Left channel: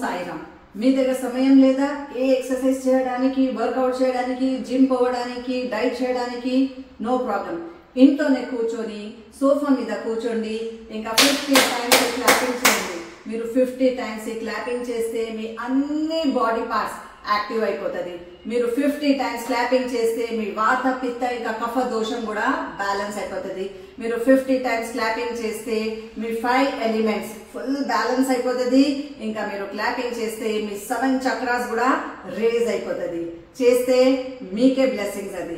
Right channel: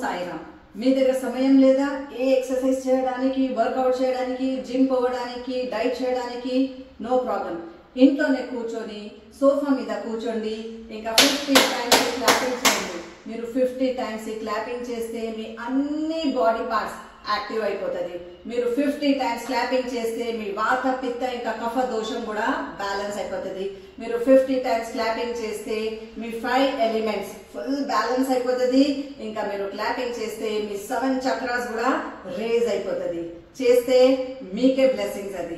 సాయిరామ్. మీ దగ్గర సమయం లేదా ఏ ఎక్సర్సైజ్ చేయడానికి, వర్కౌట్ చేయడానికి, జిమ్ పోవడానికి, డైట్ చేయడానికి? No problem. ఇంట్లోనే కూర్చొని సోఫా మీద కూర్చోండి. ఇంకా 50 టైమ్స్ క్లాపింగ్ చేయండి. మీరు 50 టైమ్స్ క్లాపింగ్ చేస్తే మీ అన్ని బాడీ పార్ట్స్ యాక్టివ్ అయిపోతుంది. మీరు 50 టైమ్స్ క్లాపింగ్ చేస్తే మీ వాత, పిత్త ఇంకా కఫ దోషం కూడా బ్యాలెన్స్ అయిపోతుంది. మీరు 50 టైమ్స్ క్లాపింగ్ చేస్తే మీ 5 ఎలిమెంట్స్ ఫుల్ బ్యాలెన్స్ అయిపోతుంది. ఇంకా మీరు క్లాపింగ్ చేస్తే మీ 7 చక్రాస్ కూడా రేజ్ అయిపోతుంది. చేస్తే మీకే బ్లెస్సింగ్స్ అది.